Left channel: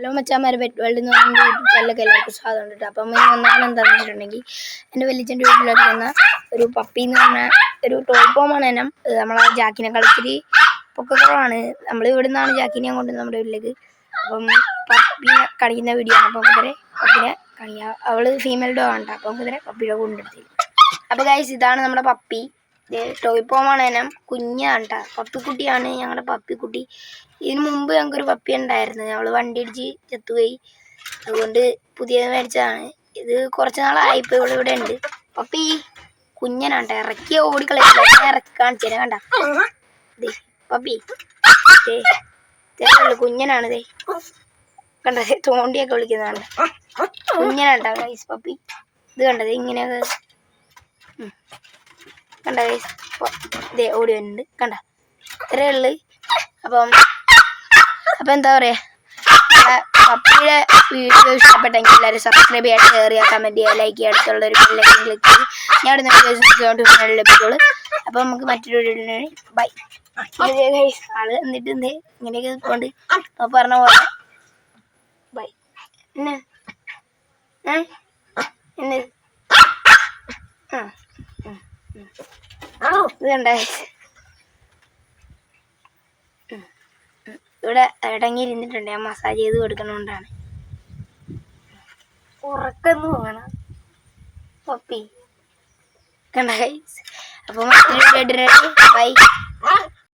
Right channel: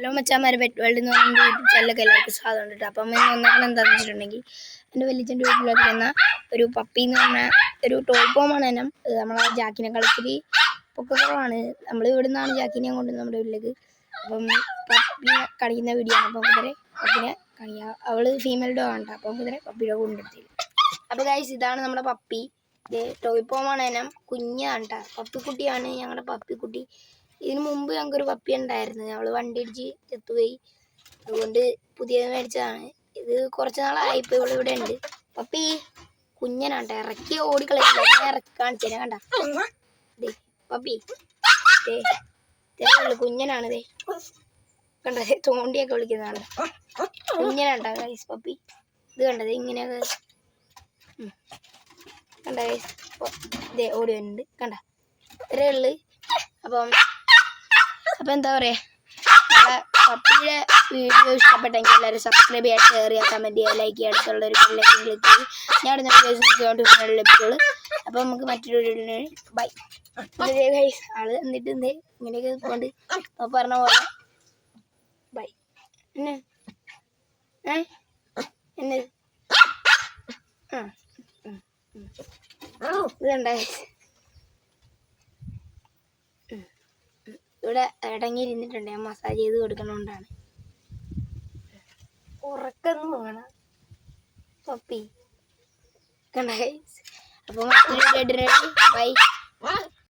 Hello മച്ചാന്മാരെ, pet world എന്ന് പറഞ്ഞ YouTube ചാനലൊക്കെ എല്ലാവർക്കും സ്വാഗതം ഉണ്ട്. അപ്പം ഒന്നാമത് എന്താണെന്ന് വെച്ചിട്ടുണ്ടെങ്കിൽ എൻ്റെ വലിയച്ഛൻ്റെ വീട്ടിലോട്ട് വന്ന ഒരു പപ്പി എന്ന് പറഞ്ഞ ഒരു ടോപ്പോമാണ് ഇനം. നമ്മളെ ജാക്കിനെ കളിച്ചിട്ട് പൊക്കക്കുറവാണ്. നമ്മൾ ഇവിടെ നിന്നാണ് ജാക്കിനെ കൊണ്ട് നമ്മുടെ വീട്ടിലേക്ക്. അപ്പം പപ്പിനെ കളിക്കുന്ന വീഡിയോ ആണ്. അപ്പം കുതിരെ പപ്പിനെ കളിക്കുക. അവൾ ഫീമെയിൽ ഡോഗ് ആണ്. അപ്പം കുതിരെ പപ്പിയുടെ കൊണ്ടെടുത്തി. അപ്പോൾ ഗൈസ്, ഇതാണ് നമ്മുടെ പപ്പി. ടോയ്പോമാണ് ഇനം. കുഞ്ഞാണ് കേട്ടോ, പപ്പിക്കുട്ടിയാണ് ഞങ്ങളുടെ പപ്പിക്കുട്ടി. ഇതിന് മുമ്പ് ഞങ്ങൾക്കൊരു പപ്പി ഉണ്ടായിരുന്നു. അവൾ വണ്ടി ഇടിച്ച് ചത്തുപോയി. അതുകൊണ്ട് പുതിയത് മേടിച്ചതാണ്. ഇത് കുറച്ച് നാളായി. ഇപ്പോൾ ഇവിടെ ഉണ്ട്. പപ്പി കുഞ്ഞനാട്ടെ, ഇറക്കിയ ഓടിക്കളയില്ല. ഇറക്കി കാണിച്ചു തരാം. കണ്ട പപ്പി ചെറുപ്പുള്ളൂ, കുഞ്ഞനാണ്. ഇതേ കണ്ടേ, തോണ്ടിയൊക്കെ വിളിക്കുന്നതാണ്. കുഞ്ഞനാട്ടാ ഗൈസ് പപ്പി. ഇത് കണ്ടത് ഇങ്ങനെയൊക്കെ കണ്ട ഗൈസ്. ഇതേ ഓടി വരുന്നുണ്ട്. കണ്ട, ഇത്രയേ ഉള്ളു. അപ്പം എന്താ പറയുക, പപ്പിയുടെ വീഡിയോ ഇഷ്ടപ്പെട്ടെങ്കിൽ എല്ലാവരും സബ്സ്ക്രൈബ് ചെയ്യുക, ഷെയർ ചെയ്യുക, കമൻറ്റ് ചെയ്യുക, ലൈക്ക് ചെയ്യുക. അടുത്തുള്ളൊരു ബെല്ലൈക്കൺ ക്ലിക്ക് ചെയ്ത് ഞാൻ ഇടുന്ന ലഭിക്കുള്ളൂ. അപ്പോൾ നമുക്ക് മറ്റൊരു വീഡിയോ ബൈ. ഗൈസ്, ആള് എന്നിട്ട് എന്തേ ഇങ്ങനെയൊക്കെ കൊണ്ട് പറഞ്ഞ പോലെ ബൈ. എന്നെ ഇത് കണ്ട ഇവിടെ ഇടങ്ങിയിരുന്നിട്ടുണ്ട്. ഞാൻ മസാജ് ചെയ്ത് കൊടുക്കണോണ്ടാണ്. ഉറക്കെന്ന് പോകണം പപ്പി. കണ്ട ഗൈസ്. അപ്പം ബൈ.